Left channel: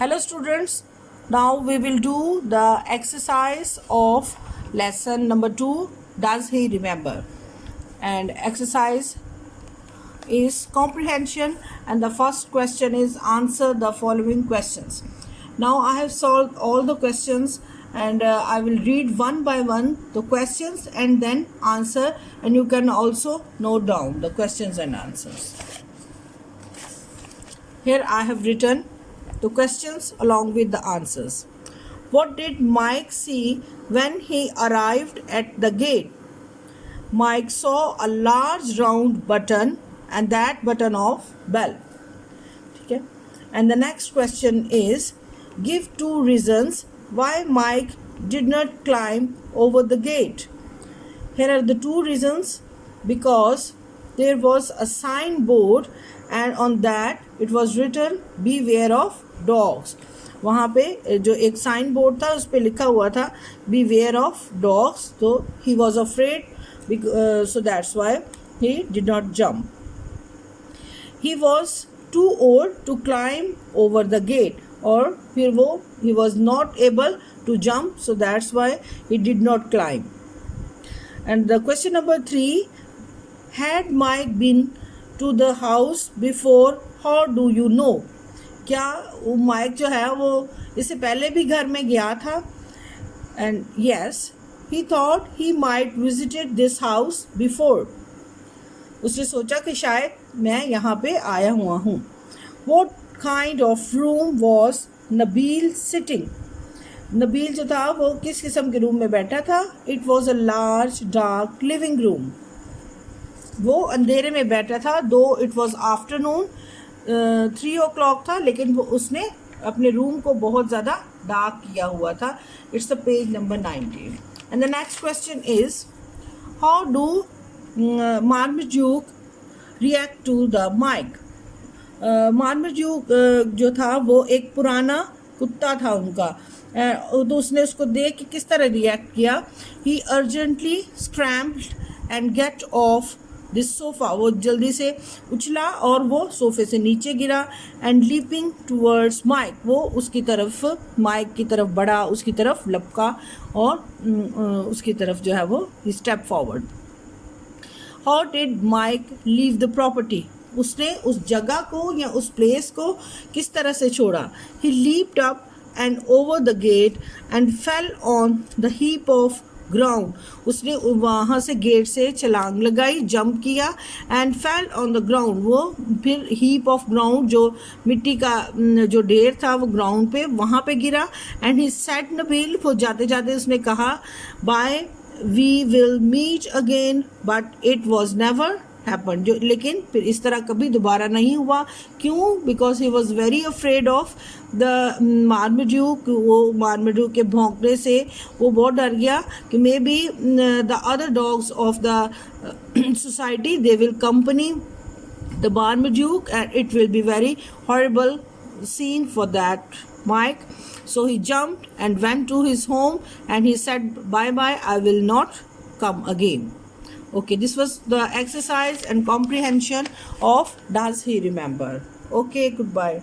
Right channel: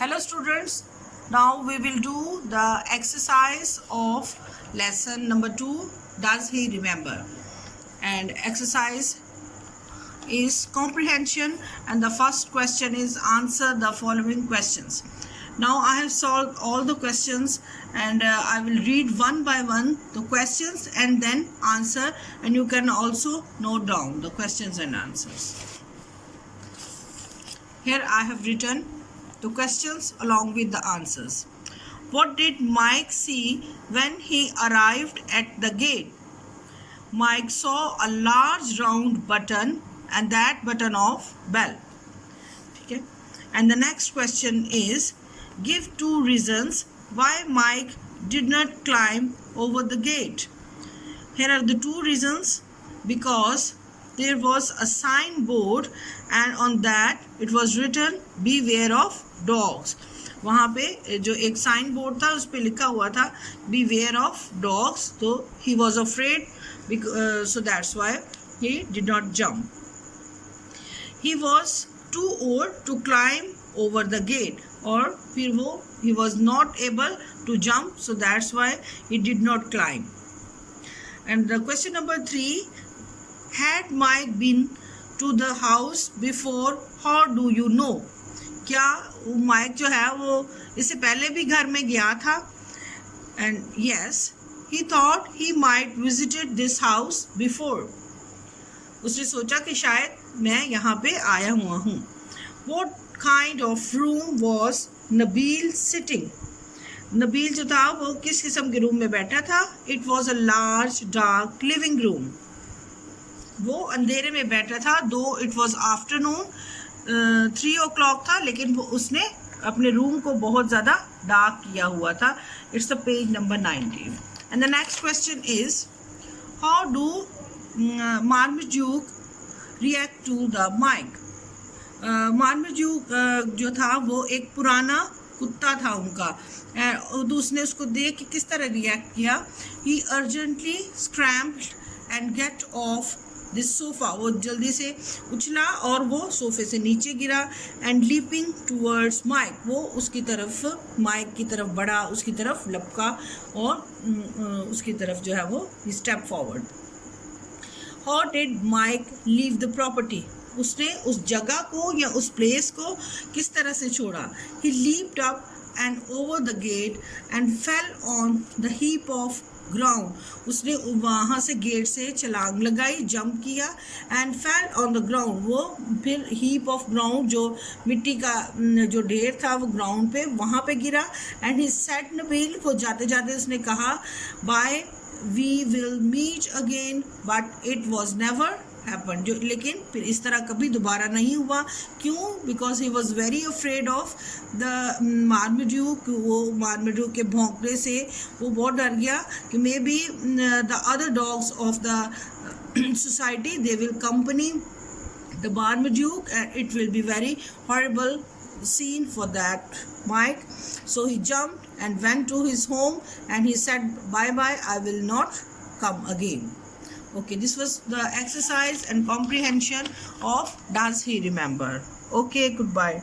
Hello students, now we will do the exercise of lesson number 2, does he remember? And exercise is comprehension, and the first question is answer the following questions. Now I have solved all the questions, and I will read one by one the questions and then answer, and you can also note down the questions and answers. Here I have written the questions along with the answers. What did Mike see when he arrived at the gate? Mike saw a large round button and that button of bell. Okay. And the next question is, give 2 reasons why Mike did not climb over the gate. Here are the 2 reasons. Because there was a signboard and on that it was written beware of dogs. वहाँ पे जो एक sign board था उस पे लिखा हुआ था beware of dogs, तो he was afraid, so that's why he did not jump. He was too old to climb over the gate, और फिर वो he was not able to jump, so that's why he did not climb. And the question number 3, had Mike been to the house before? How do you know? क्या वो mic जो है वो इससे पहले भी घर में गया था? And yes, he thought he might visited this house before. उसने सोचा कि शायद मैं यहाँ पे आया हुआ हूँ. What kind of room was Nabil sitting? Nabeel जो था वो किस किस्म के रूम में बैठा था? It was a large dark living room. वो अंधेरे में बैठा था. Though it was afternoon, 3 o'clock था, लेकिन वो उसने अपने रूम को बहुत ज़्यादा डार्क किया हुआ था. It's the page number 90. And the next question is, how do Marmaduke react to the mic? Marmaduke जो था वो एक पुराना कुत्ता था उनका, तो उसने उसको देख के किस तरह रिएक्ट किया? He urgently scrambled and get off this sofa. वो जल्दी से उछला और वो सोफे से नीचे गिरा. And leaping towards Mike, वो उसकी तरफ माइक की तरफ बढ़ा, उसकी तरफ लपका और उसकी तरफ जो है वो step forward. How did Mike leave the property? उसने उस जगह को या उस प्लेस को किस तरह से छोड़ा? He leaped up and over the gate and fell on the heap of ground. उसने वहाँ से गेट से छलांग लगाई, जंप किया, and fell on the ground. वो फिर heap of ground जो मिट्टी का जो ढेर था वो ग्राउंड पे वहाँ पे गिरा. and he said नबील, वो जाते जाते उसने कहा, bye, we will meet again, but it was never happened. जो लेकिन फिर इस तरह कभी दोबारा नहीं हुआ. क्यों? Because he was very afraid of the Marmaduke. वो Marmaduke के भौंकने से वो बहुत डर गया कि maybe the other dogs of the society, they will accompany the Marmaduke and it will be very horrible scene for that Mike. So he jumped and went to his home and he said, bye bye, I will not come again. Okay, this was the exercise and comprehension of does he remember. Okay, goodbye.